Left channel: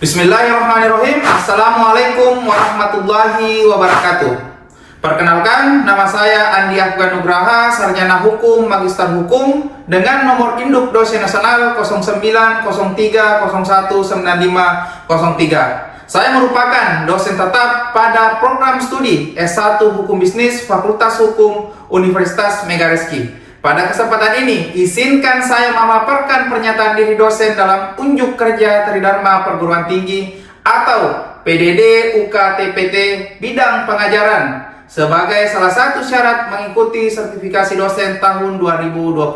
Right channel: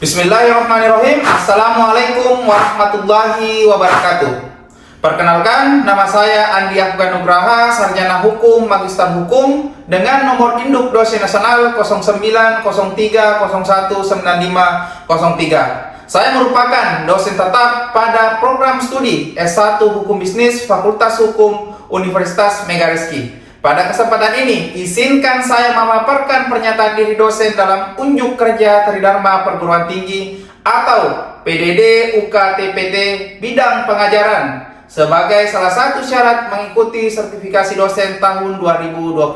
Bismillahirrahmanirrahim. Assalamualaikum warahmatullahi wabarakatuh. Perkenalkan, nama saya Andi Afgan Nugraha, Sarjana Hukum, Magister Hukum, dengan nomor induk dosen nasional 0903019503. Saya merupakan dosen tetap pada program studi S1 Hukum Bisnis Fakultas Hukum Universitas Megarizky. Pada kesempatan ini, izinkan saya memaparkan pernyataan diri dosen dalam unjuk kerja Tridharma Perguruan Tinggi atau PDD UKTPT bidang pengajaran sebagai salah satu syarat mengikuti sertifikasi dosen tahun 2026.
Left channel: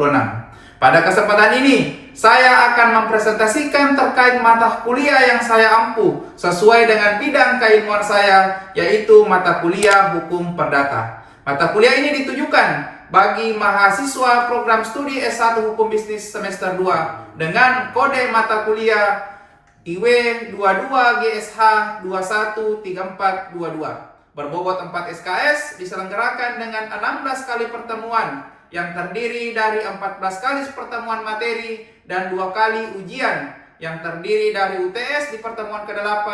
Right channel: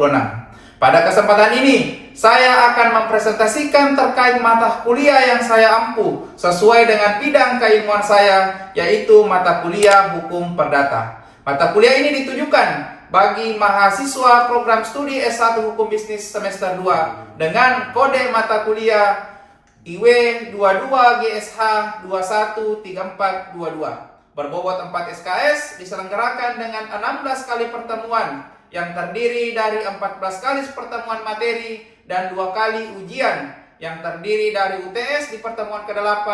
Pada kesempatan ini, saya akan mempresentasikan terkait mata kuliah yang saya ampu sesuai dengan bidang keilmuan saya, yaitu mata kuliah Hukum Perdata. Mata kuliah ini ditujukan bagi mahasiswa program studi S1 Hukum Bisnis semester 2 dengan kode mata kuliah IW 22 GSH 213422 berbobot 4 SKS, diselenggarakan dengan 16 kali pertemuan yang terdiri dari 14 kali pertemuan materi dan 2 kali ujian yang terdiri dari UTS di pertemuan ke-8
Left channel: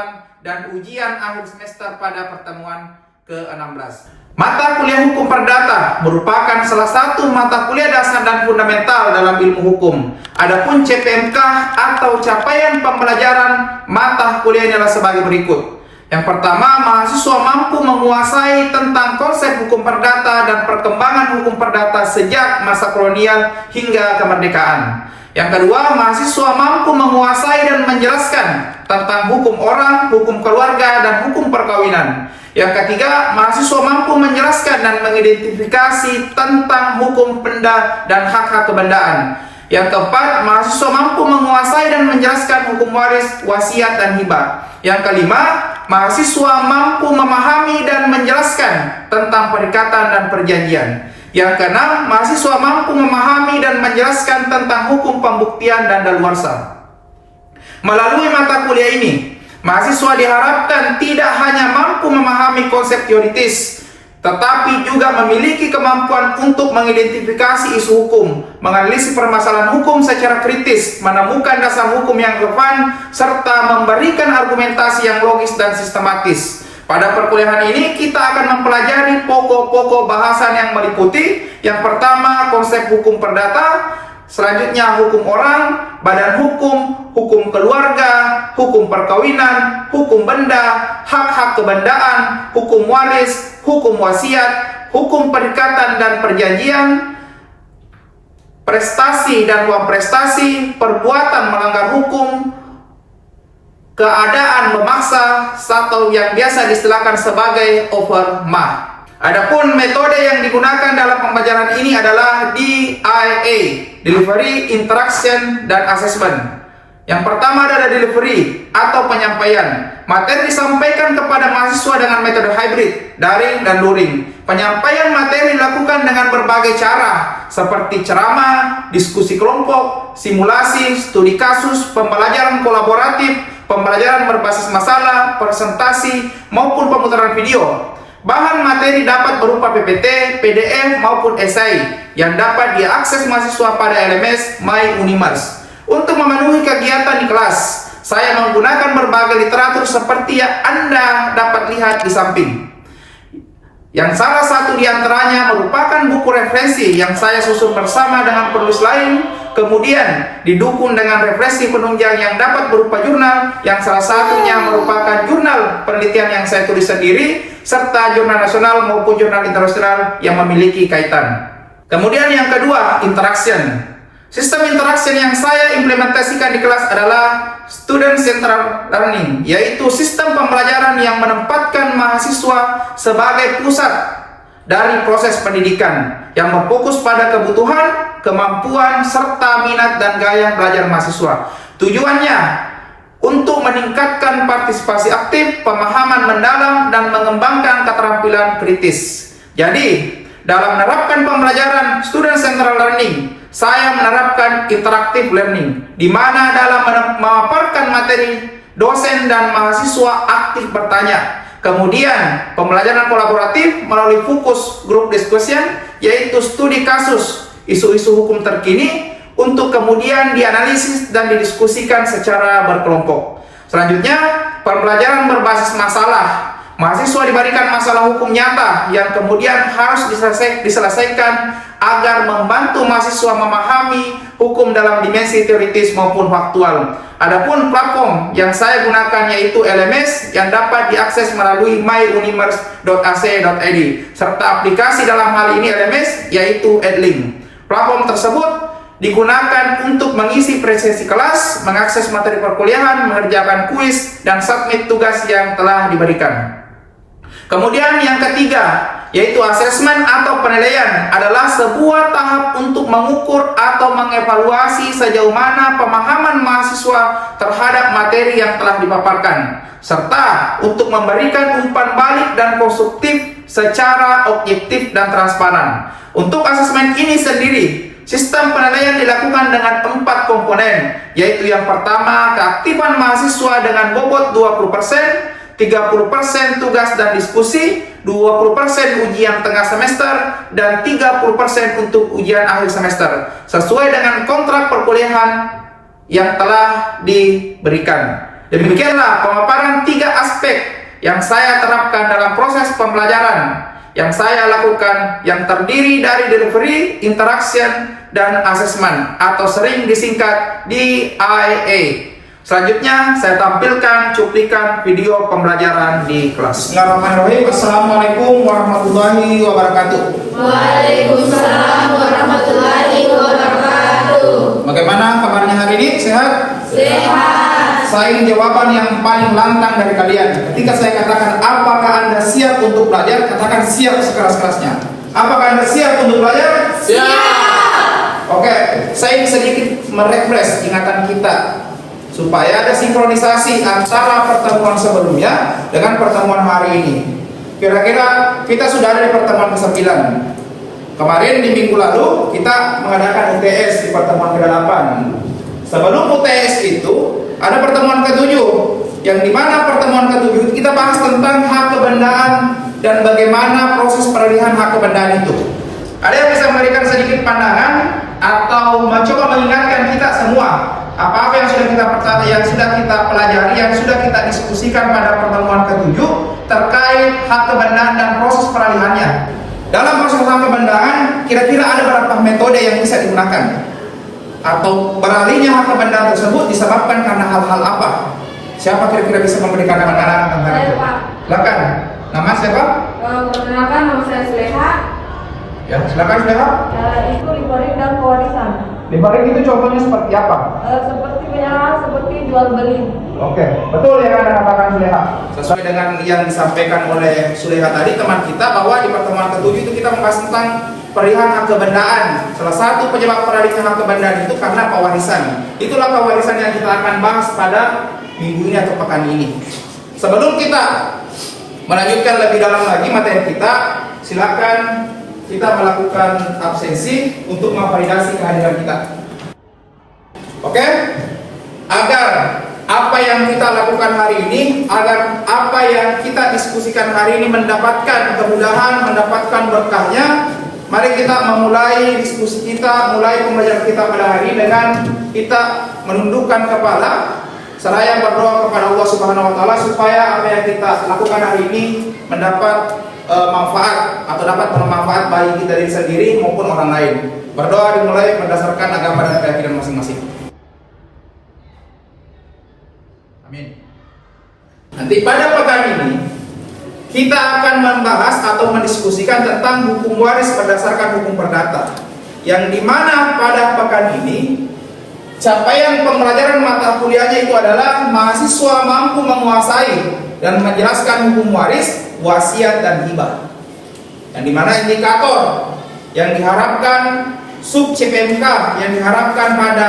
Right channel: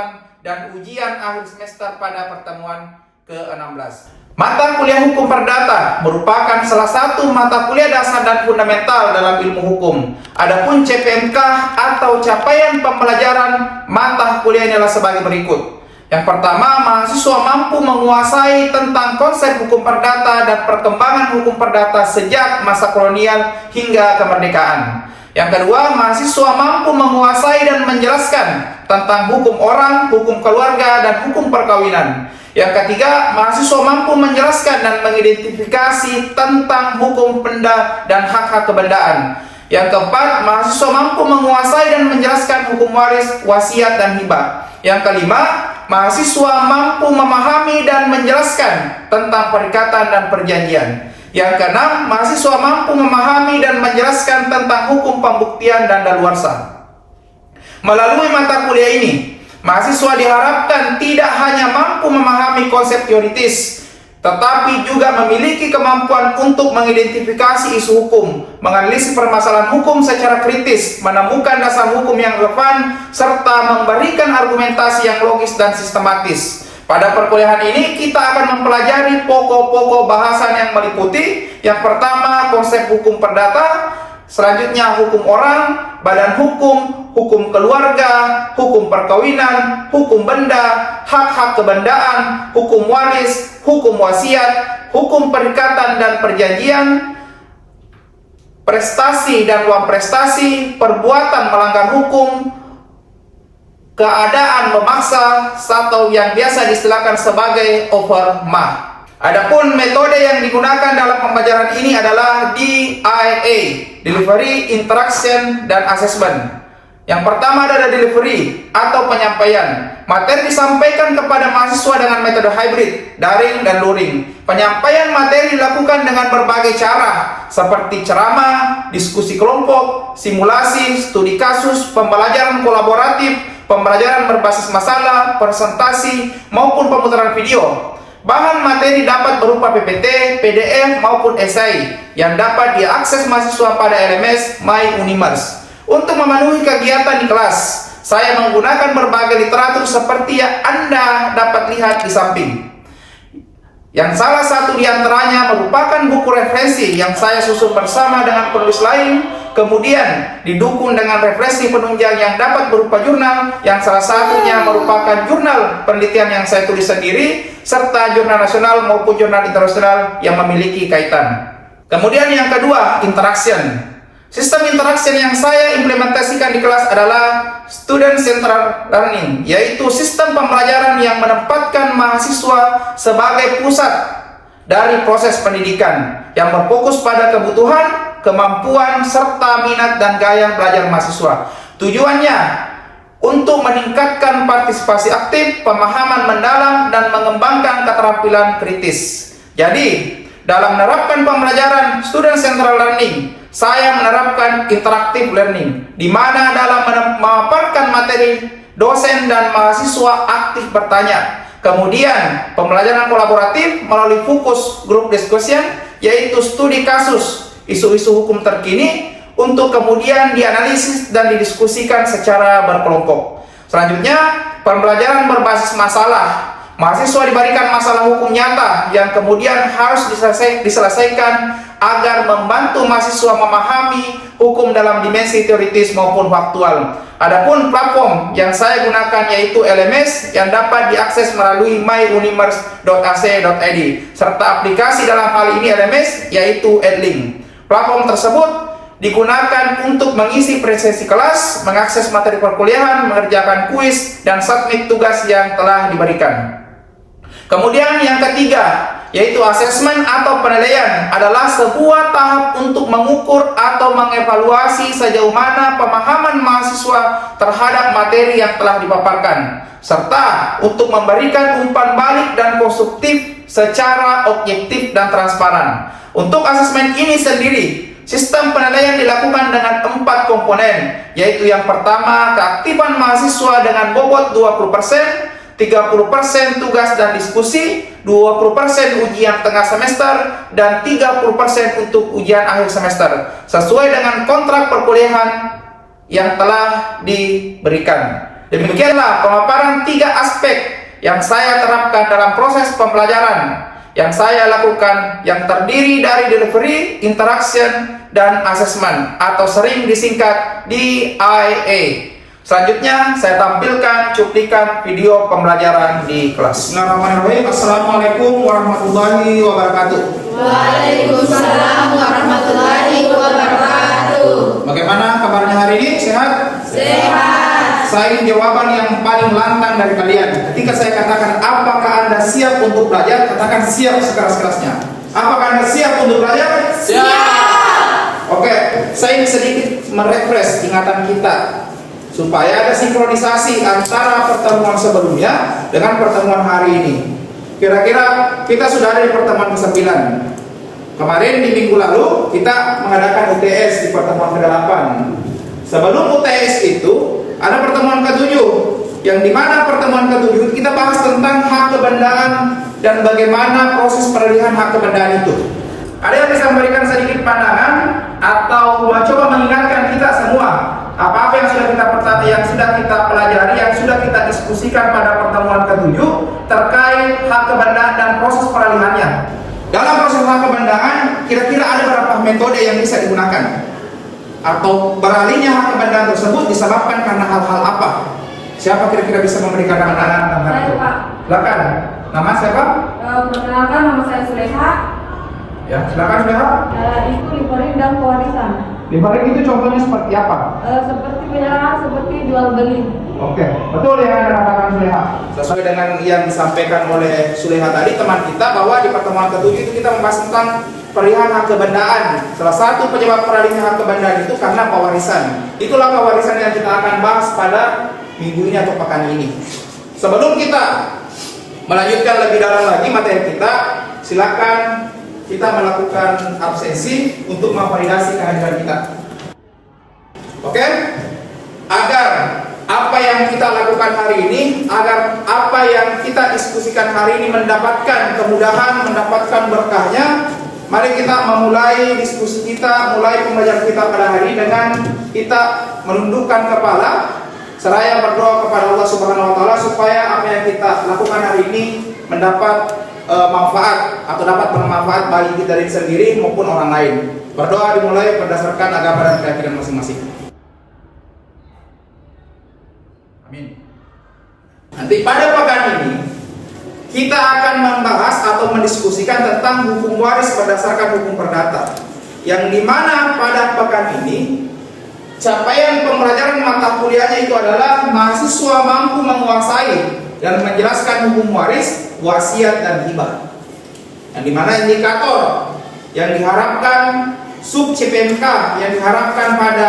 dan ujian akhir semester pada pertemuan ke-16. Mata kuliah Hukum Perdata merupakan salah satu mata kuliah dasar dan fundamental dalam ilmu hukum. Adapun CPMK atau capaian pembelajaran mata kuliah ini adalah sebagai berikut. Yang pertama, mahasiswa mampu menguasai tentang konsep hukum perdata dan perkembangan hukum perdata sejak masa kolonial hingga kemerdekaan. Yang kedua, mahasiswa mampu menguasai dan menjelaskan tentang hukum orang, hukum keluarga, dan hukum perkawinan. Yang ketiga, mahasiswa mampu menjelaskan dan mengidentifikasi tentang hukum benda dan hak-hak kebendaan. Yang keempat, mahasiswa mampu menguasai dan menjelaskan hukum waris, wasiat, dan hibah. Yang kelima, mahasiswa mampu memahami dan menjelaskan tentang perikatan dan perjanjian. Yang keenam, mahasiswa mampu memahami dan menjelaskan tentang hukum pembuktian dan daluarsa. Melalui mata kuliah ini, mahasiswa diharapkan tidak hanya mampu memahami konsep teoritis, tetapi juga memiliki kemampuan untuk mengidentifikasi isu hukum, menganalisis permasalahan hukum secara kritis, menemukan dasar hukum yang relevan, serta memberikan argumentasi yang logis dan sistematis. Pada perkuliahan ini kita akan mempelajari pokok-pokok bahasan yang meliputi: yang pertama, konsep hukum perdata, selanjutnya hukum orang, badan hukum, hukum keluarga, hukum perkawinan, hukum benda, hak-hak kebendaan, hukum waris, hukum wasiat, hukum perikatan dan perjanjian, prestasi dan uang prestasi, perbuatan melanggar hukum, keadaan memaksa, atau yang biasa diistilahkan sebagai overmah. Adapun metode yang digunakan dalam pembelajaran ini adalah DIA, Delivery, Interaction, dan Assessment. Yang pertama adalah delivery atau penyampaian. Materi disampaikan kepada mahasiswa dengan metode hybrid, daring dan luring. Penyampaian materi dilakukan dengan berbagai cara, seperti ceramah, diskusi kelompok, simulasi, studi kasus, pembelajaran kolaboratif, pembelajaran berbasis masalah, presentasi, maupun pemutaran video. Bahan materi dapat berupa PPT, PDF, maupun esai yang dapat diakses mahasiswa pada LMS My Unimers. Untuk memenuhi kegiatan di kelas, saya menggunakan berbagai literatur seperti yang Anda dapat lihat di samping. Yang salah satu di antaranya merupakan buku referensi yang saya susun bersama dengan penulis lain, kemudian didukung dengan referensi penunjang yang dapat berupa jurnal, yang salah satunya merupakan jurnal penelitian yang saya tulis sendiri, serta jurnal nasional maupun jurnal internasional yang memiliki kaitan. Kemudian yang kedua, interaction. Sistem interaction yang saya implementasikan di kelas adalah Student Central Learning, yaitu sistem pembelajaran yang menempatkan mahasiswa sebagai pusat dari proses pendidikan yang berfokus pada kebutuhan, kemampuan, serta minat dan gaya belajar mahasiswa. Tujuannya untuk meningkatkan partisipasi aktif, pemahaman mendalam, dan mengembangkan keterampilan kritis. Jadi, dalam menerapkan pembelajaran Student Central Learning, saya menerapkan interactive learning, di mana dalam memaparkan materi, dosen dan mahasiswa aktif bertanya. Kemudian, pembelajaran kolaboratif melalui fokus group discussion, yaitu studi kasus, isu-isu hukum terkini, untuk kemudian dianalisis dan didiskusikan secara berkelompok. Selanjutnya, pembelajaran berbasis masalah. Mahasiswa diberikan masalah hukum nyata yang kemudian harus diselesaikan agar membantu mahasiswa memahami hukum dalam dimensi teoritis maupun faktual. Adapun platform yang saya gunakan yaitu LMS yang dapat diakses melalui myuniverse.ac.id serta aplikasi dalam hal ini LMS yaitu Edlink. Platform tersebut digunakan untuk mengisi presentasi kelas, mengakses materi perkuliahan, mengerjakan kuis, dan submit tugas yang telah diberikan. Kemudian yang ketiga, yaitu asesmen atau penilaian adalah sebuah tahap untuk mengukur atau mengevaluasi sejauh mana pemahaman mahasiswa terhadap materi yang telah dipaparkan, serta untuk memberikan umpan balik dan konstruktif secara objektif dan transparan. Untuk asesmen ini sendiri, sistem penilaian dilakukan dengan 4 komponen, yaitu yang pertama, keaktifan mahasiswa dengan bobot 20%, 30% tugas dan diskusi, 20% ujian tengah semester, dan 30% untuk ujian akhir semester, sesuai dengan kontrak perkuliahan yang telah diberikan. Demikianlah pemaparan 3 aspek yang saya terapkan dalam proses pembelajaran yang saya lakukan yang terdiri dari delivery, interaction, dan assessment atau sering disingkat DIA. Selanjutnya saya tampilkan cuplikan video pembelajaran di kelas. Bismillahirrahmanirrahim. Assalamualaikum warahmatullahi wabarakatuh. Waalaikumsalam warahmatullahi wabarakatuh. Bagaimana kabarnya hari ini? Sehat? Sehat. Saya ingin jawaban yang paling lantang dari kalian. Ketika saya katakan apakah Anda siap untuk belajar, katakan siap sekeras-kerasnya. Apakah Anda siap untuk belajar? Siap. Oke, saya ingin sedikit merefresh ingatan kita supaya ada sinkronisasi antara pertemuan sebelumnya dengan pertemuan hari ini. Kira-kira kita sudah ada di pertemuan ke-9. Kemarin di minggu lalu kita mengadakan UTS di pertemuan ke-8. Sebelum UTS itu ada pertemuan ke-7, yang dimana pertemuan ke-7 kita bahas tentang hak kebendaan dan bagaimana proses peralihan hak kebendaan itu. Ada yang bisa memberikan sedikit pandangan atau mencoba mengingatkan kita semua apa-apa yang sudah kita pelajari, yang sudah kita diskusikan pada pertemuan ke-7 terkait hak kebendaan dan proses peralihannya. Dalam proses hak kebendaan, kira-kira ada berapa metode yang bisa digunakan? Atau beralihnya hak kebendaan tersebut disebabkan karena hal-hal apa? Siapa kira-kira bisa memberikan pandangan tentang itu? Silakan. Nama siapa? Perkenalkan, nama saya Suleha. Ya, silakan Suleha. Itu livering dan pewarisan. Livering itu contohnya seperti apa? Seperti penyerahan, seperti jual beli. Oke, betul yang Anda katakan Suleha. Sesuai dengan yang disampaikan oleh Suleha tadi, teman kita, bahwa di pertemuan ke-7 itu kita membahas tentang peralihan hak kebendaan. Salah satu penyebab peralihan hak kebendaan itu karena pewarisan. Itulah pewarisan yang kita akan bahas pada minggu ini atau pekan ini. Sebelum kita melanjutkan lebih dalam lagi materi kita, silakan kita melakukan absensi untuk memvalidasi kehadiran kita. Oke? Agar apa yang kita lakukan hari ini, agar apa yang kita diskusikan hari ini mendapatkan kemudahan, mendapatkan berkahnya, mari kita memulai diskusi kita, mulai pembelajaran kita pada hari ini dengan kita menundukkan kepala seraya berdoa kepada Allah Subhanahu wa taala supaya apa yang kita lakukan hari ini mendapat manfaat atau dapat bermanfaat bagi kita sendiri maupun orang lain. Berdoa dimulai berdasarkan agama dan keyakinan masing-masing. Amin. Nanti pada pekan ini kita akan membahas atau mendiskusikan tentang hukum waris berdasarkan hukum perdata, yang dimana pada pekan ini capaian pembelajaran mata kuliahnya itu adalah mahasiswa mampu menguasai dan menjelaskan hukum waris, wasiat, dan hibah. Yang dimana indikator yang diharapkan sub CPMK yang diharapkan pada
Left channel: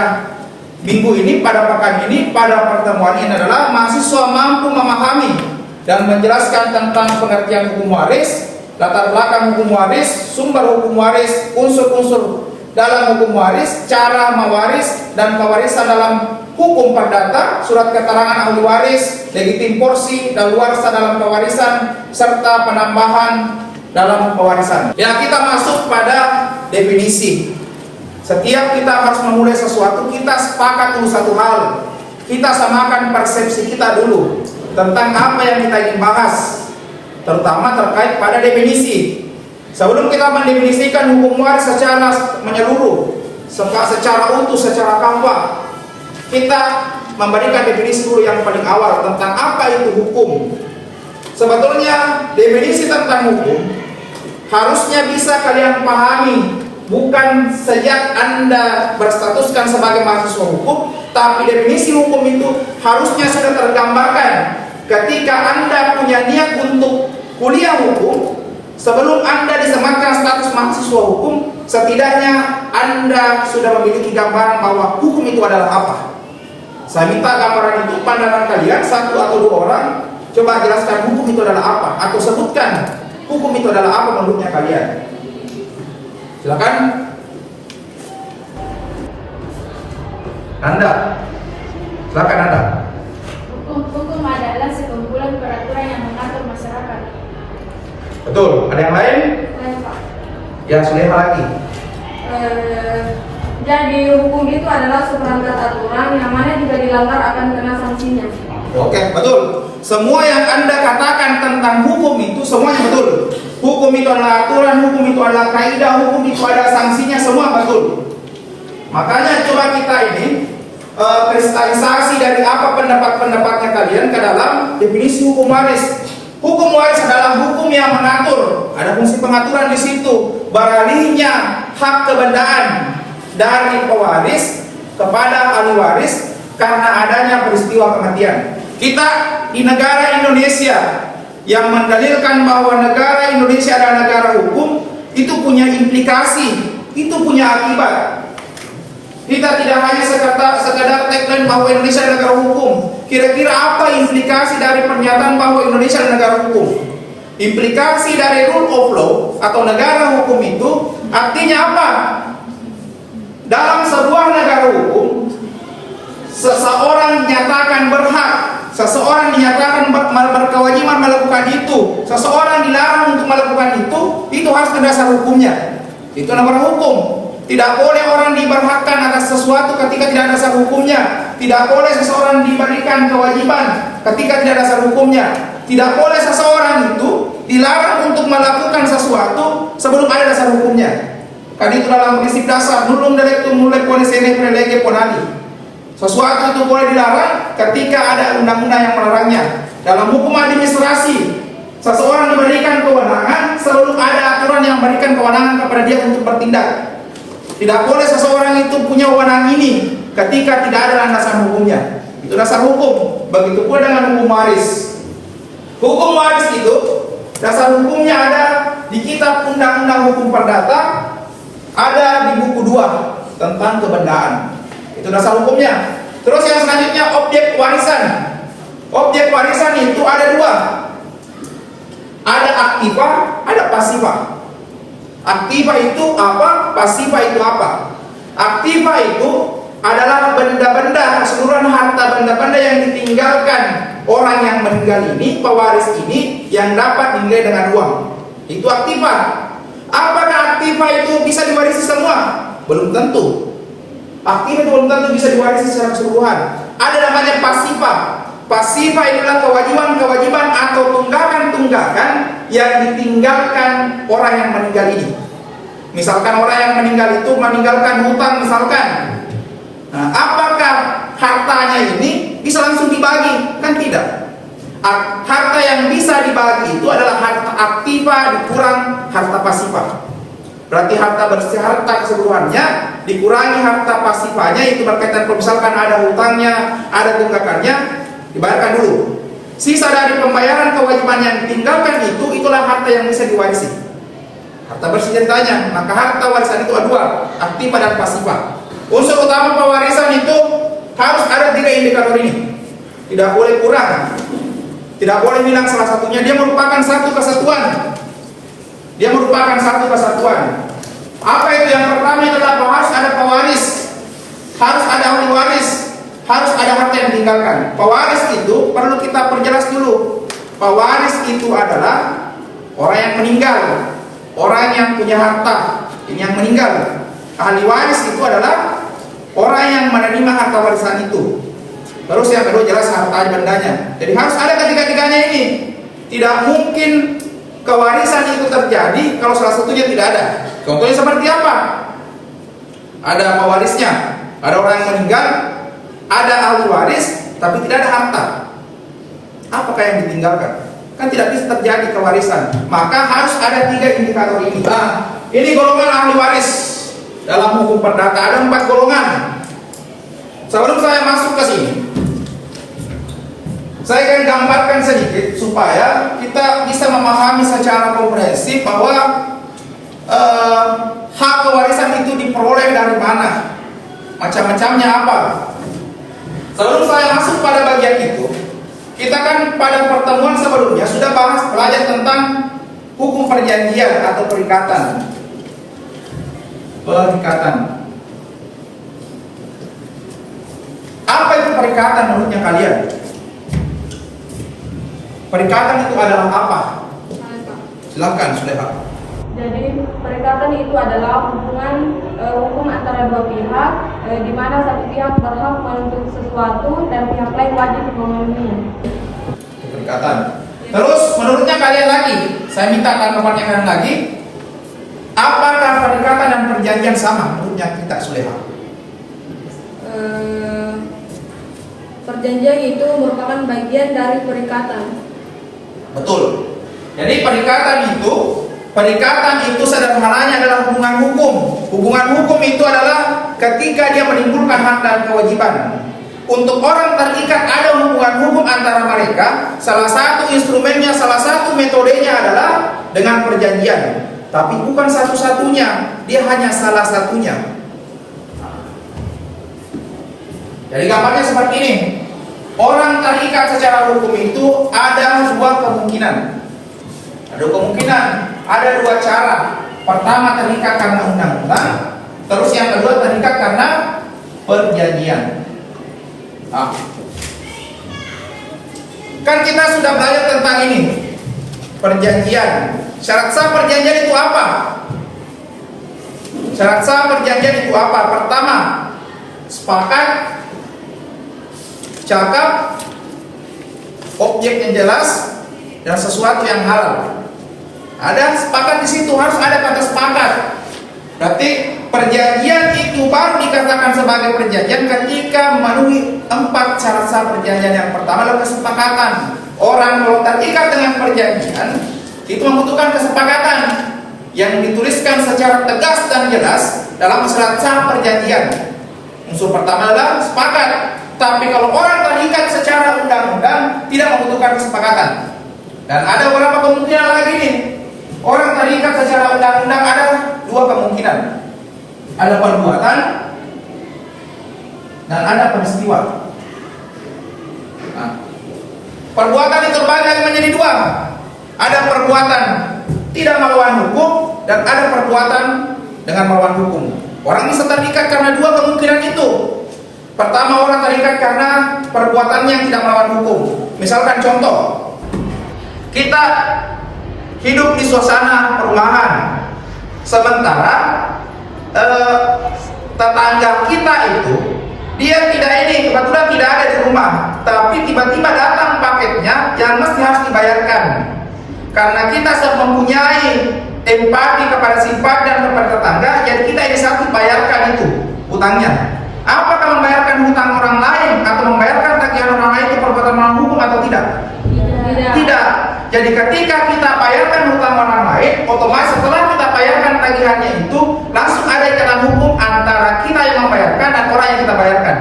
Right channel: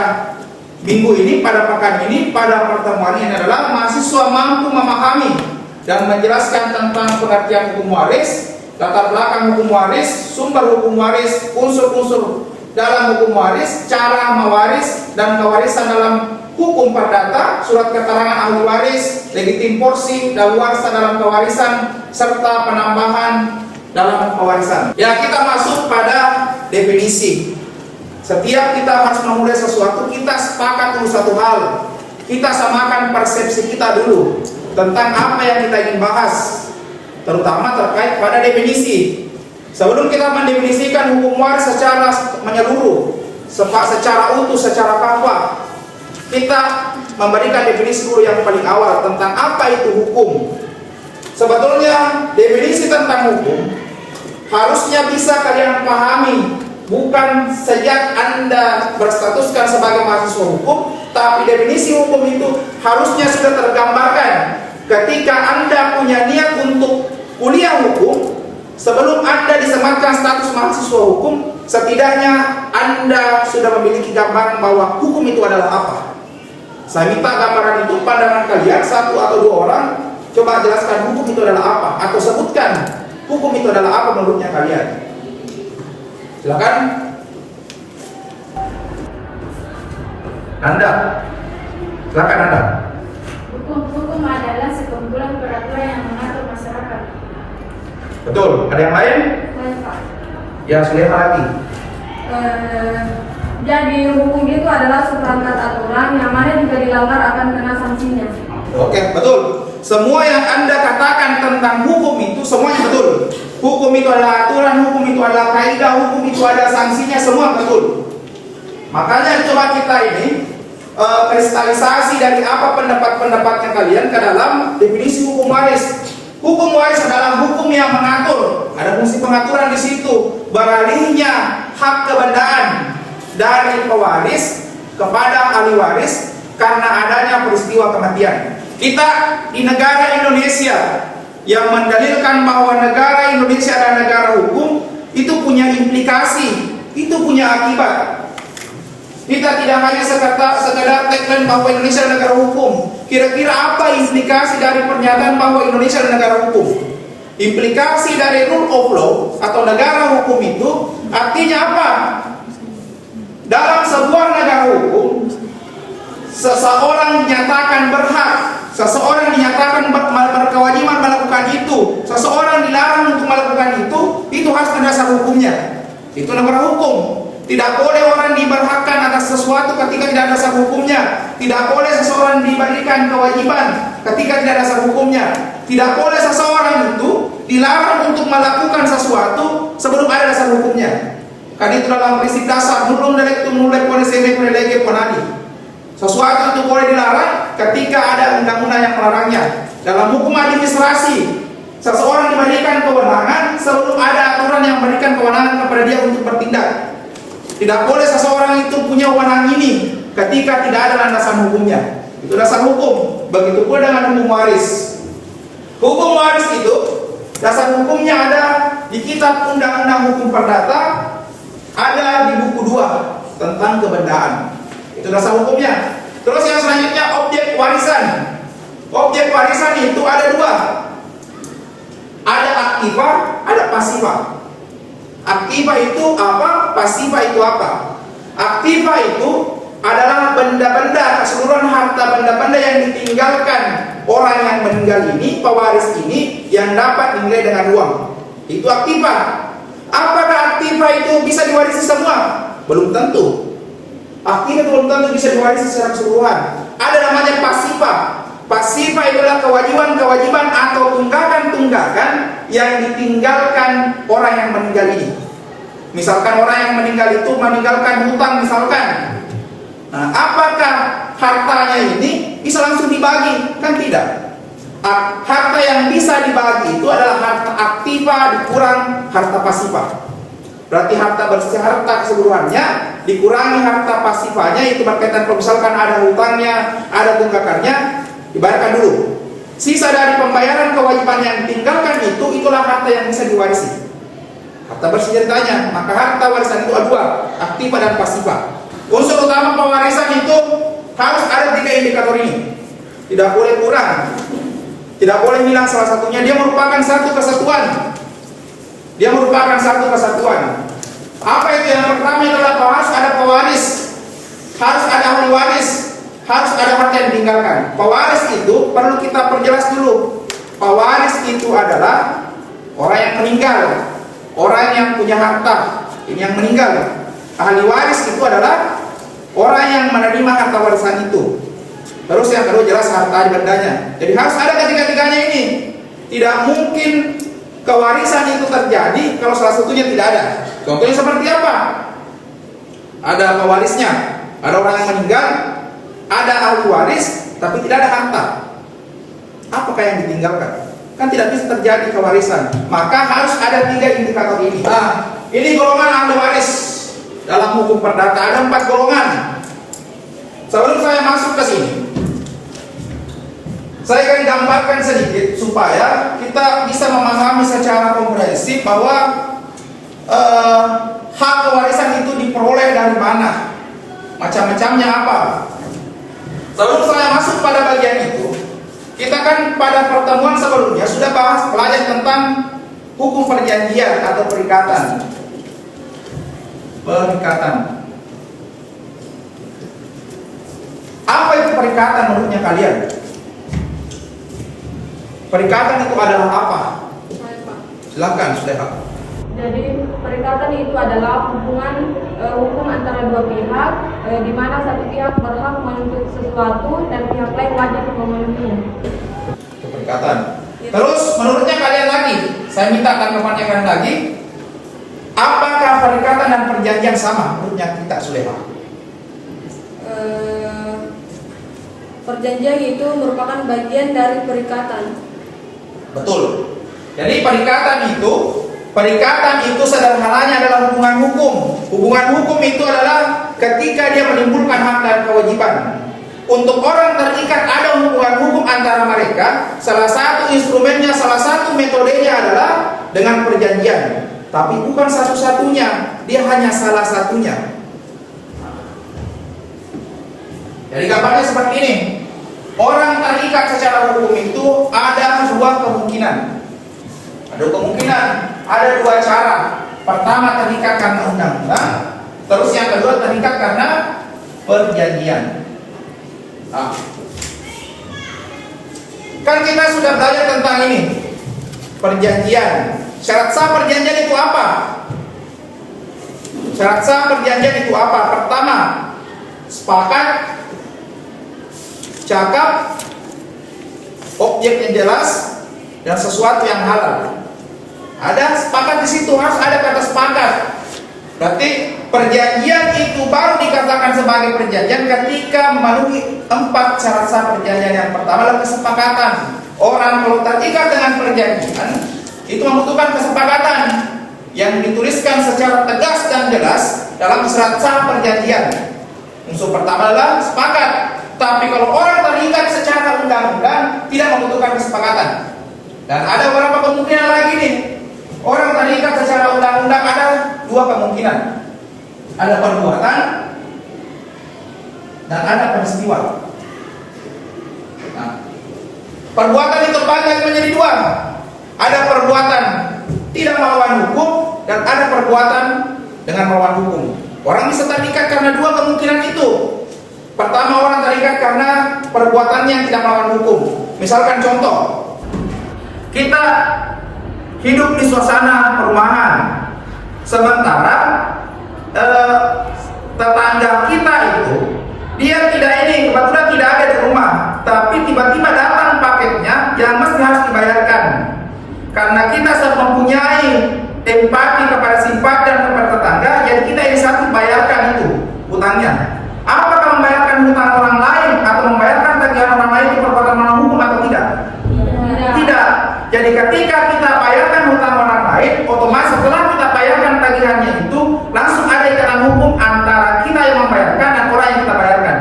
minggu ini, pada pekan ini, pada pertemuan ini adalah mahasiswa mampu memahami dan menjelaskan tentang pengertian hukum waris, latar belakang hukum waris, sumber hukum waris, unsur-unsur dalam hukum waris, cara mewaris dan kewarisan dalam hukum perdata, surat keterangan ahli waris, legitim porsi, daluarsa dalam kewarisan, serta penambahan dalam pewarisan. Ya, kita masuk pada definisi. Setiap kita harus memulai sesuatu, kita sepakat untuk satu hal, kita samakan persepsi kita dulu tentang apa yang kita ingin bahas, terutama terkait pada definisi. Sebelum kita mendefinisikan hukum waris secara menyeluruh, secara utuh, secara kompak, kita memberikan definisi dulu yang paling awal tentang apa itu hukum. Sebetulnya definisi tentang hukum harusnya bisa kalian pahami bukan sejak Anda berstatuskan sebagai mahasiswa hukum, tapi definisi hukum itu harusnya sudah tergambarkan ketika Anda punya niat untuk kuliah hukum. Sebelum Anda disematkan status mahasiswa hukum, setidaknya Anda sudah memiliki gambaran bahwa hukum itu adalah apa. Saya minta gambaran itu pandangan kalian, satu atau dua orang, coba jelaskan hukum itu adalah apa, atau sebutkan hukum itu adalah apa menurutnya kalian. Silakan. Anda. Silakan Anda. Hukum adalah sekumpulan peraturan yang mengatur masyarakat. Betul. Ada yang lain? Baik, Pak. Yang Suleha lagi. Jadi hukum itu adalah seperangkat aturan yang mana jika dilanggar akan kena sanksinya. Oke, betul. Semua yang Anda katakan tentang hukum itu semuanya betul. Hukum itu adalah aturan, hukum itu adalah kaidah, hukum itu ada sanksinya, semua betul. Makanya coba kita ini kristalisasi dari apa pendapat-pendapatnya kalian ke dalam definisi hukum waris. Hukum waris adalah hukum yang mengatur, ada fungsi pengaturan di situ, beralihnya hak kebendaan dari pewaris kepada ahli waris karena adanya peristiwa kematian. Kita di negara Indonesia yang mendalilkan bahwa negara Indonesia adalah negara hukum, itu punya implikasi, itu punya akibat. Kita tidak hanya sekadar tagline bahwa Indonesia adalah negara hukum. Kira-kira apa implikasi dari pernyataan bahwa Indonesia adalah negara hukum? Implikasi dari rule of law atau negara hukum itu artinya apa? Dalam sebuah negara hukum, seseorang dinyatakan berhak, seseorang dinyatakan berkewajiban melakukan itu, seseorang dilarang untuk melakukan itu harus berdasar hukumnya. Itu negara hukum. Tidak boleh orang diberhakkan atas sesuatu ketika tidak ada dasar hukumnya. Tidak boleh seseorang diberikan kewajiban ketika tidak ada dasar hukumnya. Tidak boleh seseorang itu dilarang untuk melakukan sesuatu sebelum ada dasar hukumnya. Karena itu dalam prinsip dasar nulum delectum nulle pone sine pone lege ponani. Sesuatu itu boleh dilarang ketika ada undang-undang yang melarangnya. Dalam hukum administrasi, seseorang diberikan kewenangan sebelum ada aturan yang memberikan kewenangan kepada dia untuk bertindak. Tidak boleh seseorang itu punya wewenang ini ketika tidak ada landasan hukumnya. Itu dasar hukum. Begitu pula dengan hukum waris. Hukum waris itu dasar hukumnya ada di kitab Undang-Undang Hukum Perdata, ada di buku 2 tentang kebendaan. Itu dasar hukumnya. Terus yang selanjutnya objek warisan. Objek warisan itu ada 2. Ada aktiva, ada pasiva. Aktiva itu apa? Pasiva itu apa? Aktiva itu adalah benda-benda, keseluruhan harta benda-benda yang ditinggalkan orang yang meninggal ini, pewaris ini, yang dapat dinilai dengan uang. Itu aktiva. Apakah aktiva itu bisa diwarisi semua? Belum tentu. Aktiva itu belum tentu bisa diwarisi secara keseluruhan. Ada namanya pasiva. Pasiva itulah kewajiban-kewajiban atau tunggakan-tunggakan yang ditinggalkan orang yang meninggal ini. Misalkan orang yang meninggal itu meninggalkan hutang misalkan. Nah, apakah hartanya ini bisa langsung dibagi? Kan tidak. Harta yang bisa dibagi itu adalah harta aktiva dikurang harta pasiva. Berarti harta bersih, harta keseluruhannya dikurangi harta pasifanya, itu berkaitan kalau misalkan ada hutangnya, ada tunggakannya, dibayarkan dulu. Sisa dari pembayaran kewajiban yang ditinggalkan itu, itulah harta yang bisa diwarisi. Harta bersih ceritanya, maka harta warisan itu ada 2, aktiva dan pasiva. Unsur utama pewarisan itu harus ada 3 indikator ini. Tidak boleh kurang, tidak boleh hilang salah satunya. Dia merupakan satu kesatuan. Dia merupakan satu kesatuan. Apa itu? Yang pertama adalah harus ada pewaris, harus ada ahli waris, harus ada harta yang ditinggalkan. Pewaris itu perlu kita perjelas dulu. Pewaris itu adalah orang yang meninggal, orang yang punya harta, ini yang meninggal. Ahli waris itu adalah orang yang menerima harta warisan itu. Terus yang kedua jelas harta bendanya. Jadi harus ada ketiga-tiganya ini. Tidak mungkin kewarisan itu terjadi kalau salah satunya tidak ada. Contohnya seperti apa? Ada pewarisnya, ada orang yang meninggal, ada ahli waris, tapi tidak ada harta. Apakah yang ditinggalkan? Kan tidak bisa terjadi kewarisan. Maka harus ada 3 indikator ini. Nah, ini golongan ahli waris. Dalam hukum perdata ada 4 golongan. Sebelum saya masuk ke sini, saya akan gambarkan sedikit supaya kita bisa memahami secara komprehensif bahwa hak kewarisan itu diperoleh dari mana, macam-macamnya apa. Sebelum saya masuk pada bagian itu, kita kan pada pertemuan sebelumnya sudah belajar tentang hukum perjanjian atau perikatan. Apa itu perikatan menurutnya kalian? Perikatan itu adalah apa? Silakan, Suleha. Jadi perikatan itu adalah hubungan hukum antara dua pihak, di mana satu pihak berhak menuntut sesuatu dan pihak lain wajib memenuhinya. Perikatan. Terus menurutnya kalian lagi, saya minta tanggapannya kalian lagi. Apakah perikatan dan perjanjian sama menurutnya kita, Suleha? Perjanjian itu merupakan bagian dari perikatan. Betul. Jadi perikatan itu sederhananya adalah hubungan hukum. Hubungan hukum itu adalah ketika dia menimbulkan hak dan kewajiban. Untuk orang terikat ada hubungan hukum antara mereka. Salah satu instrumennya, salah satu metodenya adalah dengan perjanjian. Tapi bukan satu-satunya, dia hanya salah satunya. Jadi gambarnya seperti ini. Orang terikat secara hukum itu ada 2 kemungkinan. Ada 2 cara. Pertama terikat karena undang-undang, terus yang kedua terikat karena perjanjian. Kan kita sudah belajar tentang ini, perjanjian. Syarat sah perjanjian itu apa? Syarat sah perjanjian itu apa? Pertama, sepakat, cakap, objek yang jelas, dan sesuatu yang halal. Ada sepakat di situ, harus ada kata sepakat. Berarti perjanjian itu baru dikatakan sebagai perjanjian ketika memenuhi 4 syarat sah perjanjian. Yang pertama adalah kesepakatan. Orang kalau terikat dengan perjanjian itu membutuhkan kesepakatan yang dituliskan secara tegas dan jelas dalam syarat sah perjanjian. Unsur pertama adalah sepakat. Tapi kalau orang terikat secara undang-undang tidak membutuhkan kesepakatan. Dan ada beberapa kemungkinan lagi nih. Orang terikat secara undang-undang ada 2 kemungkinan. Ada perbuatan dan ada peristiwa. Perbuatan itu terbagi menjadi 2. Ada perbuatan tidak melawan hukum dan ada perbuatan dengan melawan hukum. Orang bisa terikat karena 2 kemungkinan itu. Pertama, orang terikat karena perbuatannya yang tidak melawan hukum. Misalkan contoh, kita hidup di suasana perumahan, sementara tetangga kita itu dia kebetulan tidak ada di rumah, tapi tiba-tiba datang paketnya yang mesti harus dibayarkan. Karena kita sudah mempunyai empati kepada sifat dan kepada tetangga, jadi kita inisiatif bayarkan itu hutangnya. Apakah membayarkan hutang orang lain atau membayarkan tagihan orang lain itu perbuatan melawan hukum atau tidak? Tidak. Jadi ketika kita bayarkan hutang orang lain, otomatis setelah kita bayarkan tagihannya itu langsung ada ikatan hukum antara kita yang membayarkan dan orang yang kita bayarkan.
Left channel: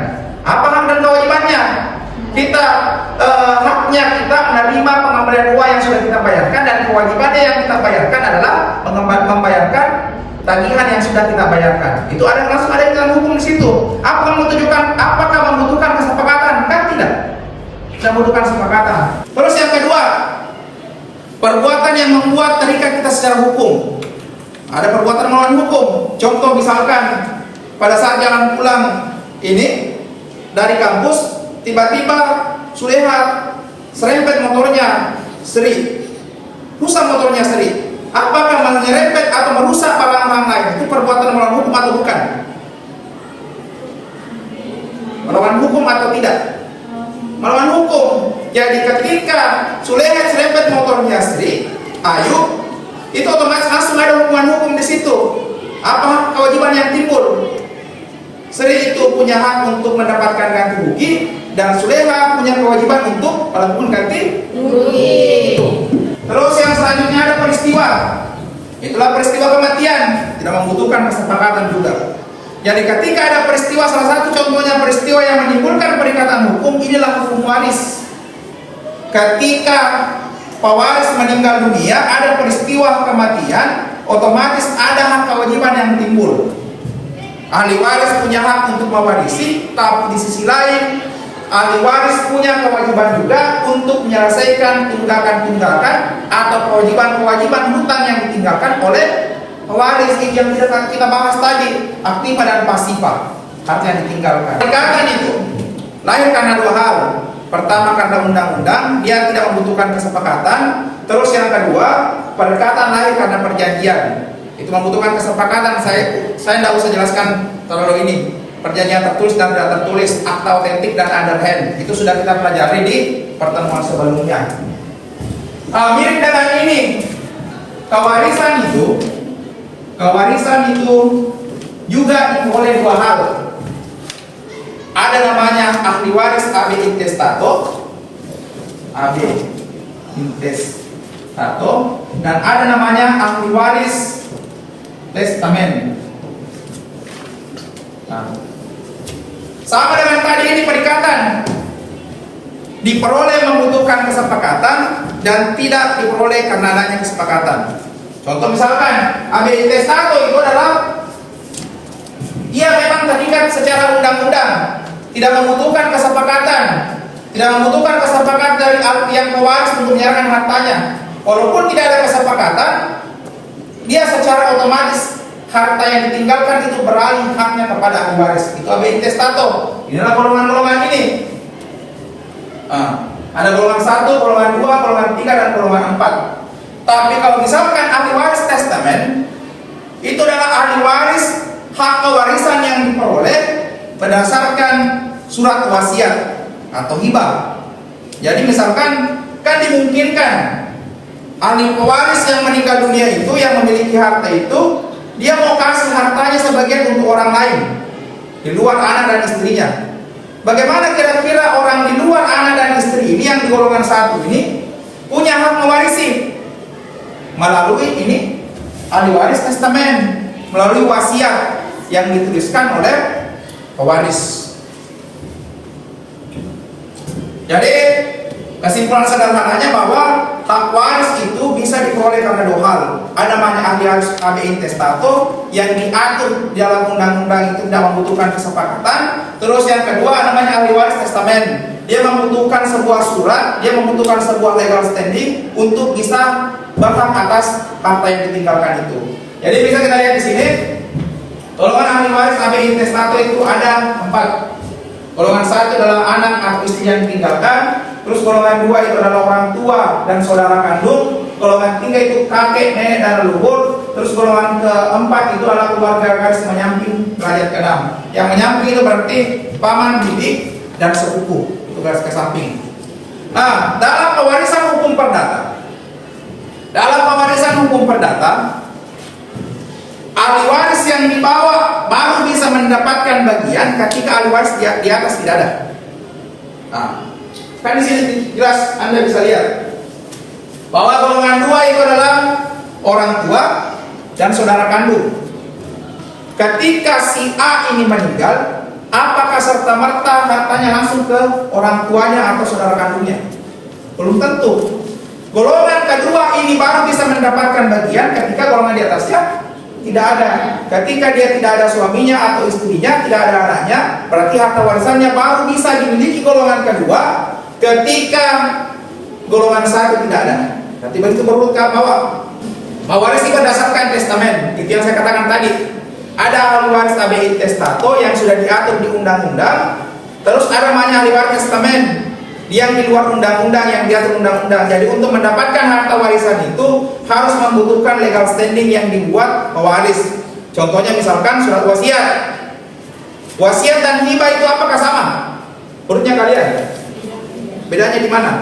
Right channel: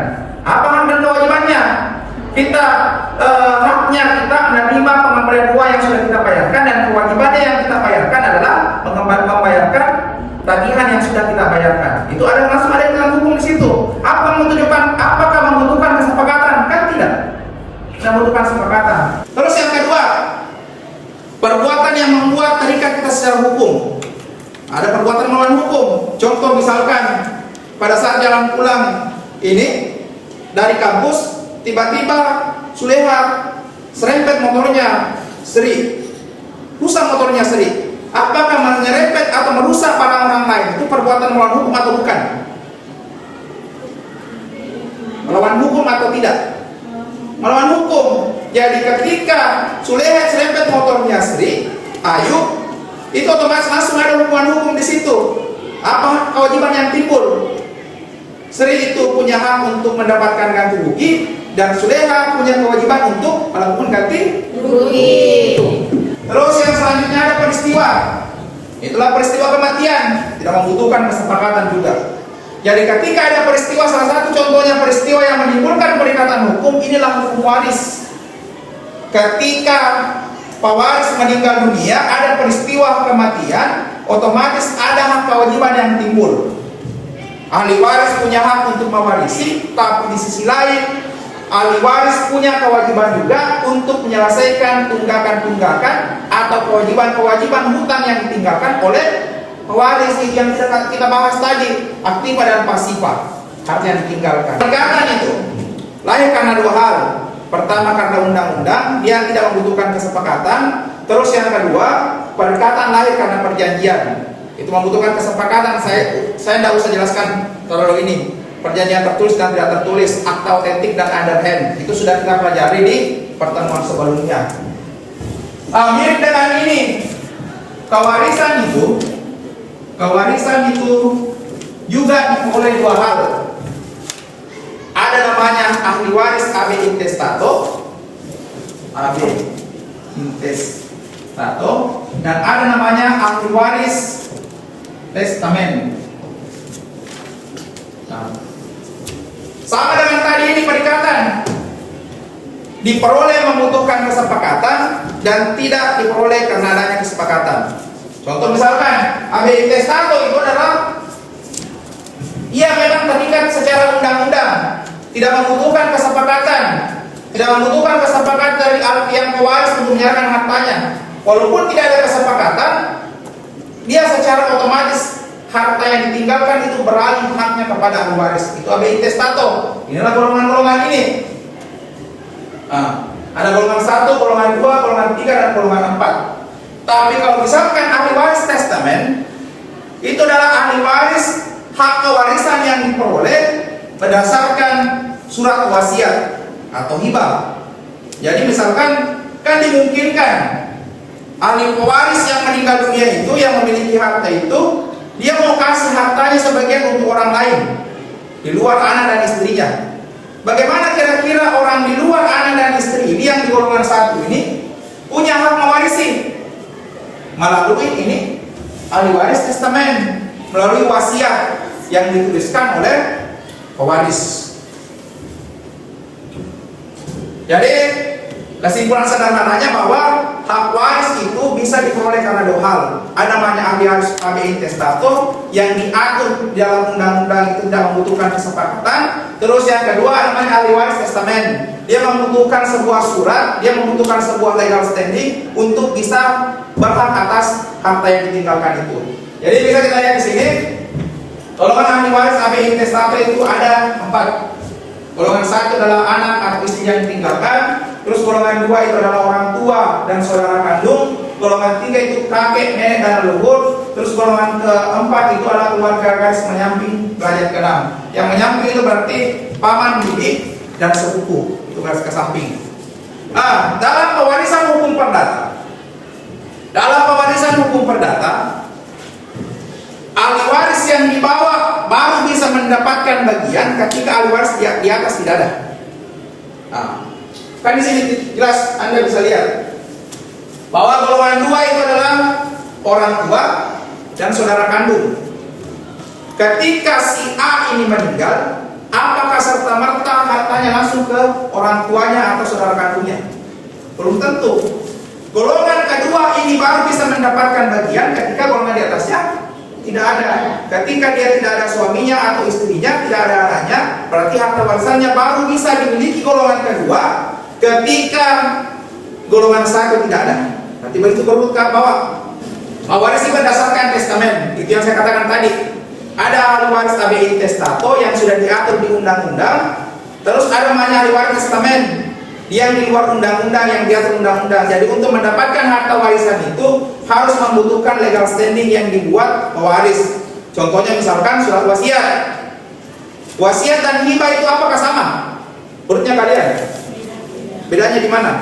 Apa hak dan kewajibannya? Haknya kita menerima pengembalian uang yang sudah kita bayarkan, dan kewajibannya yang kita bayarkan adalah membayarkan tagihan yang sudah kita bayarkan. Itu langsung ada ikatan hukum di situ. Apakah membutuhkan kesepakatan? Kan tidak. Tidak membutuhkan kesepakatan. Terus yang kedua, perbuatan yang membuat terikat kita secara hukum. Ada perbuatan melawan hukum. Contoh misalkan pada saat jalan pulang ini dari kampus, tiba-tiba Suleha serempet motornya Sri, rusak motornya Sri. Apakah menyerempet atau merusak barang orang lain itu perbuatan melawan hukum atau bukan? Melawan hukum atau tidak? melawan hukum. Jadi ketika Sulehat serempet motornya Sri, Ayub, itu otomatis langsung ada hukuman hukum di situ. Apa kewajiban yang timbul? Sri itu punya hak untuk mendapatkan ganti rugi, dan Suleha punya kewajiban untuk melakukan ganti rugi. Terus yang selanjutnya ada peristiwa. Itulah peristiwa kematian, tidak membutuhkan kesepakatan juga. Jadi ketika ada peristiwa, salah satu contohnya peristiwa yang menimbulkan perikatan hukum, inilah hukum waris. Ketika pewaris meninggal dunia, ada peristiwa kematian, otomatis ada hak kewajiban yang timbul. Ahli waris punya hak untuk mewarisi, tapi di sisi lain ahli waris punya kewajiban juga untuk menyelesaikan tunggakan-tunggakan atau kewajiban-kewajiban hutang yang ditinggalkan oleh pewaris yang kita bahas tadi, aktiva dan pasifa, hak yang ditinggalkan. Perikatan itu lahir karena dua hal. Pertama karena undang-undang, dia tidak membutuhkan kesepakatan. Terus yang kedua, perikatan lahir karena perjanjian. Itu membutuhkan kesepakatan. Saya tidak usah jelaskan terlalu ini. Perjanjian tertulis dan tidak tertulis, akta otentik dan underhand, itu sudah kita pelajari di pertemuan sebelumnya. Mirip dengan ini, kewarisan itu juga diperoleh dua hal. Ada namanya ahli waris AB intestato, dan ada namanya ahli waris testamen. Sama dengan tadi ini perikatan, diperoleh membutuhkan kesepakatan dan tidak diperoleh karena adanya kesepakatan. Contoh misalkan AB intestato itu adalah ia memang terikat secara undang-undang, tidak membutuhkan kesepakatan, dari yang pewaris untuk menyerahkan hartanya. Walaupun tidak ada kesepakatan, dia secara otomatis harta yang ditinggalkan itu beralih haknya kepada ahli waris. Itu AB intestato. Inilah golongan-golongan ini. Ada golongan 1, golongan 2, golongan 3, dan golongan 4. Tapi kalau misalkan ahli waris testamen, itu adalah ahli waris hak kewarisan yang diperoleh berdasarkan surat wasiat atau hibah. Jadi misalkan kan dimungkinkan ahli pewaris yang meninggal dunia itu, yang memiliki harta itu, dia mau kasih hartanya sebagian untuk orang lain di luar anak dan istrinya. Bagaimana kira-kira orang di luar anak dan istri ini yang di golongan 1 ini punya hak mewarisi? Melalui ini ahli waris testamen, melalui wasiat yang dituliskan oleh pewaris. Jadi kesimpulan sederhananya bahwa hak waris itu bisa diperoleh karena dua hal. Ada namanya ahli waris AB intestato yang diatur di dalam undang-undang, itu tidak membutuhkan kesepakatan. Terus yang kedua namanya ahli waris testamen. Dia membutuhkan sebuah surat, dia membutuhkan sebuah legal standing untuk bisa berhak atas harta yang ditinggalkan itu. Jadi bisa kita lihat di sini, golongan ahli waris AB intestato itu ada 4. Golongan 1 adalah anak atau istri yang ditinggalkan. Terus golongan 2 itu adalah orang tua dan saudara kandung. Golongan 3 itu kakek, nenek, dan leluhur. Terus golongan keempat itu adalah keluarga garis menyamping derajat ke-6. Yang menyamping itu berarti paman, bibi, dan sepupu. Itu garis ke samping. Nah, dalam pewarisan hukum perdata, ahli waris yang dibawa baru bisa mendapatkan bagian ketika ahli waris di atas tidak ada. Nah, kan di sini jelas Anda bisa lihat bahwa golongan 2 itu adalah orang tua dan saudara kandung. Ketika si A ini meninggal, apakah serta-merta hartanya langsung ke orang tuanya atau saudara kandungnya? Belum tentu. Golongan kedua ini baru bisa mendapatkan bagian ketika golongan di atasnya tidak ada. Ketika dia tidak ada suaminya atau istrinya, tidak ada anaknya, berarti harta warisannya baru bisa dimiliki golongan kedua ketika golongan 1 tidak ada. Berarti begitu perlu ke bawah. Mewarisi berdasarkan testamen. Itu yang saya katakan tadi. Ada ahli waris AB intestato yang sudah diatur di undang-undang. Terus ada namanya ahli waris testamen yang di luar undang-undang, yang diatur undang-undang. Jadi untuk mendapatkan harta warisan itu harus membutuhkan legal standing yang dibuat pewaris. Contohnya misalkan surat wasiat. Wasiat dan hibah itu apakah sama? Menurutnya kalian? Bedanya di mana?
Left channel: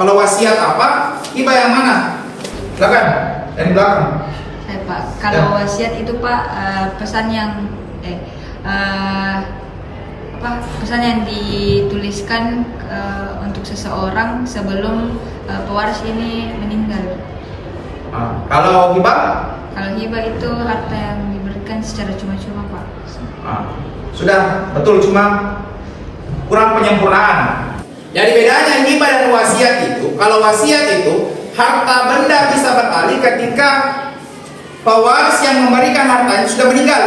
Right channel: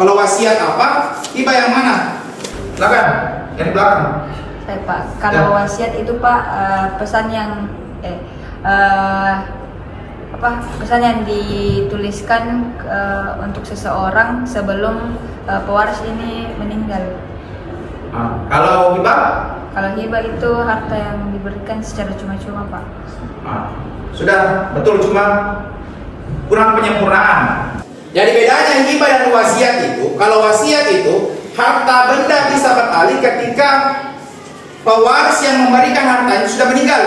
Kalau wasiat apa? Hibah yang mana? Silakan, yang di belakang. Baik Pak, kalau wasiat itu Pak pesan yang pesan yang dituliskan untuk seseorang sebelum pewaris ini meninggal. Kalau hibah? Kalau hibah itu harta yang diberikan secara cuma-cuma Pak. Sudah betul, cuma kurang penyempurnaan. Jadi bedanya hibah dan wasiat itu, kalau wasiat itu harta benda bisa beralih ketika pewaris yang memberikan hartanya sudah meninggal,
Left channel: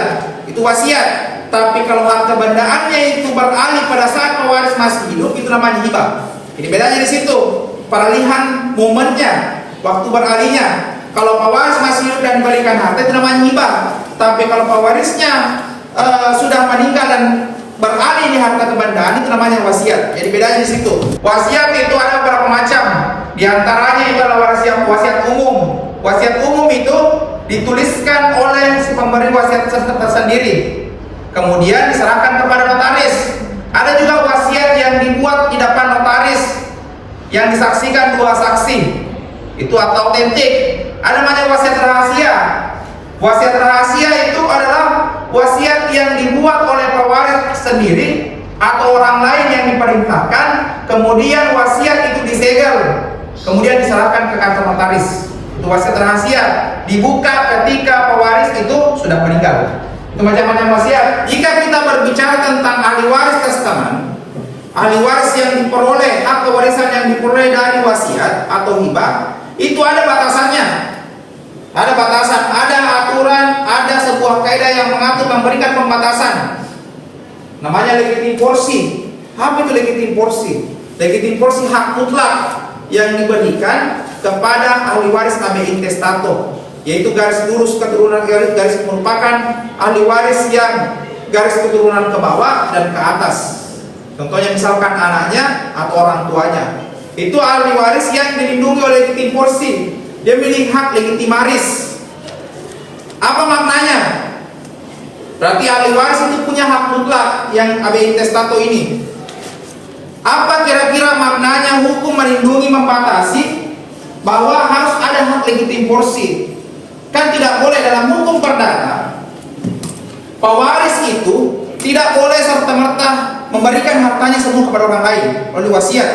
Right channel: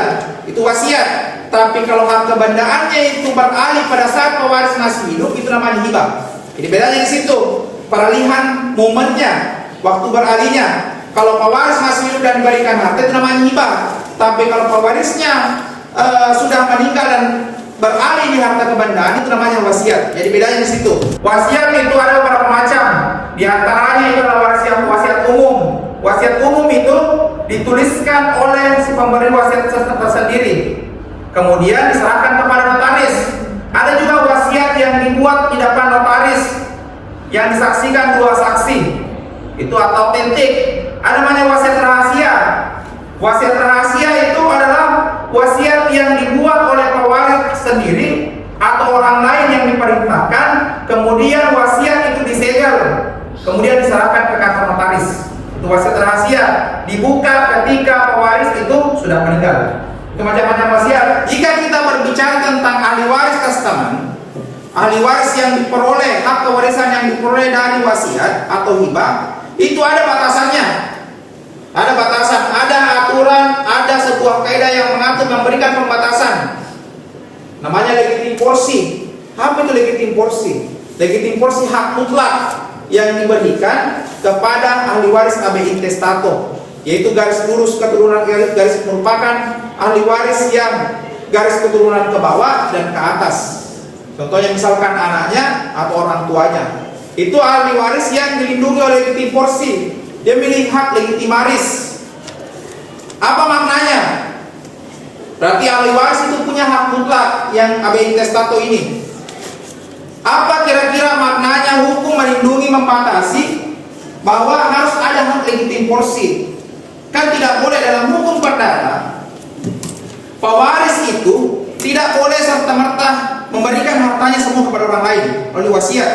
itu wasiat. Tapi kalau harta bendaannya itu beralih pada saat pewaris masih hidup, itu namanya hibah. Jadi bedanya di situ, peralihan momennya, waktu beralihnya. Kalau pewaris masih hidup dan diberikan harta, itu namanya hibah. Tapi kalau pewarisnya sudah meninggal dan beralih di harta kebendaan, itu namanya wasiat. Jadi bedanya di situ. Wasiat itu ada beberapa macam. Di antaranya itu adalah wasiat umum. Wasiat umum itu dituliskan oleh si pemberi wasiat tersendiri, kemudian diserahkan kepada notaris. Ada juga wasiat yang dibuat di depan notaris, yang disaksikan dua saksi, itu atau autentik. Ada namanya wasiat rahasia. Wasiat rahasia itu adalah wasiat yang dibuat oleh pewaris sendiri atau orang lain yang diperintahkan, kemudian wasiat itu disegel, kemudian diserahkan ke kantor notaris. Itu wasiat rahasia, dibuka ketika pewaris itu sudah meninggal. Itu macam-macam wasiat. Jika kita berbicara tentang ahli waris testament, ahli waris yang diperoleh atau warisan yang diperoleh dari wasiat atau hibah, itu ada batasannya. Ada batasan, ada aturan, ada sebuah kaidah yang mengatur, memberikan pembatasan. Namanya legitim porsi. Apa itu legitim porsi? Legitim porsi hak mutlak yang diberikan kepada ahli waris AB intestato, yaitu garis lurus keturunan, garis merupakan ahli waris yang garis keturunan ke bawah dan ke atas. Contohnya misalkan anaknya atau orang tuanya. Itu ahli waris yang dilindungi oleh legitim porsi. Dia memiliki hak legitimaris. Apa maknanya? Berarti ahli waris itu punya hak mutlak yang AB intestato ini. Apa kira-kira maknanya hukum melindungi, membatasi bahwa harus ada hak legitim porsi? Kan tidak boleh dalam hukum perdata pewaris itu tidak boleh serta-merta memberikan hartanya semua kepada orang lain oleh wasiat.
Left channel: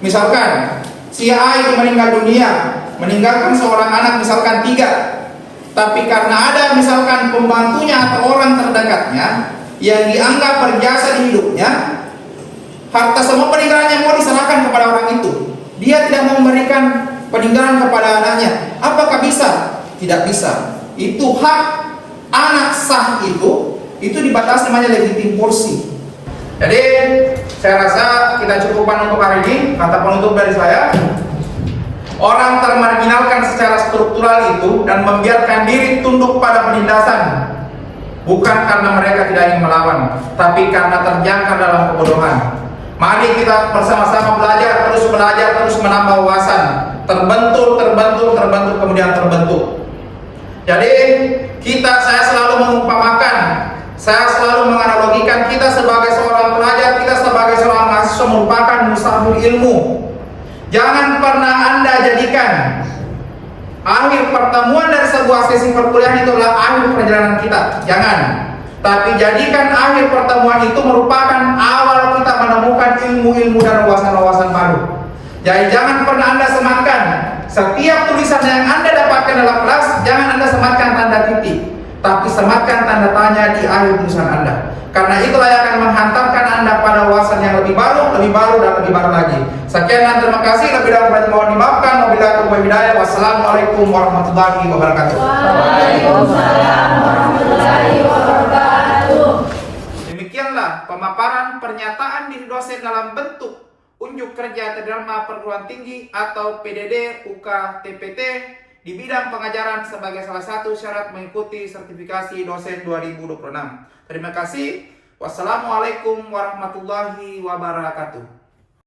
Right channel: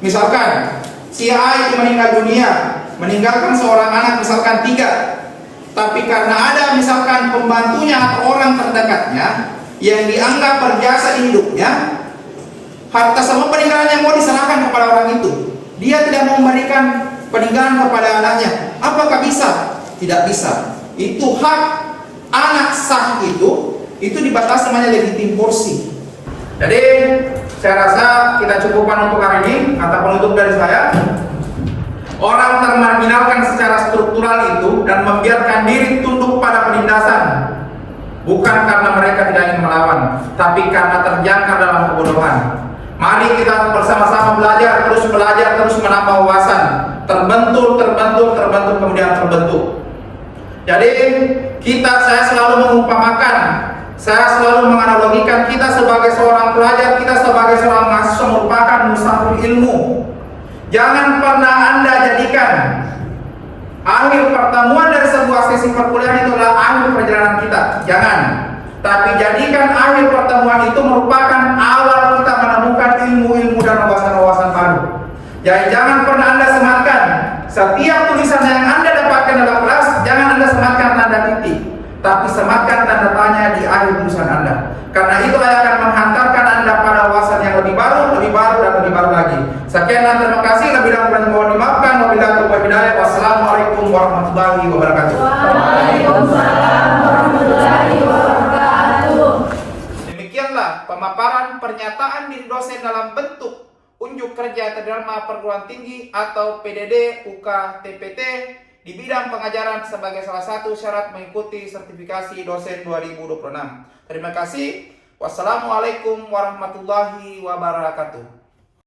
Misalkan si A itu meninggal dunia, meninggalkan seorang anak misalkan 3, tapi karena ada misalkan pembantunya atau orang terdekatnya yang dianggap berjasa di hidupnya, harta semua peninggalannya mau diserahkan kepada orang itu, dia tidak mau memberikan peninggalan kepada anaknya. Apakah bisa? Tidak bisa. Itu hak anak sah, itu dibatasi, namanya legitim porsi. Jadi saya rasa kita cukupkan untuk hari ini. Kata penutup dari saya, orang termarginalkan secara struktural itu dan membiarkan diri tunduk pada penindasan, bukan karena mereka tidak ingin melawan, tapi karena terjangkar dalam kebodohan. Mari kita bersama-sama belajar, terus menambah wawasan, terbentur, kemudian terbentuk. Jadi saya selalu mengumpamakan, saya selalu menganalogikan kita sebagai seorang pelajar, kita sebagai seorang mahasiswa merupakan musafir ilmu. Jangan pernah Anda jadikan akhir pertemuan dari sebuah sesi perkuliahan itu adalah akhir perjalanan kita. Jangan. Tapi jadikan akhir pertemuan itu merupakan awal kita menemukan ilmu-ilmu dan wawasan-wawasan baru. Jadi jangan pernah Anda sematkan setiap tulisan yang Anda dapatkan dalam kelas, jangan Anda sematkan tanda titik, tapi sematkan tanda tanya di akhir tulisan Anda. Karena itulah yang akan menghantarkan Anda pada wawasan yang lebih baru dan lebih baru lagi. Sekian dan terima kasih. Lebih dan kurang mohon dimaafkan. Wabillahi taufiq wal hidayah. Wassalamualaikum warahmatullahi wabarakatuh. Waalaikumsalam warahmatullahi wabarakatuh. Demikianlah pemaparan pernyataan diri dosen dalam bentuk unjuk kerja Tridharma Perguruan Tinggi atau PDD UK TPT di bidang pengajaran sebagai salah satu syarat mengikuti sertifikasi dosen 2026. Terima kasih. Wassalamualaikum warahmatullahi wabarakatuh.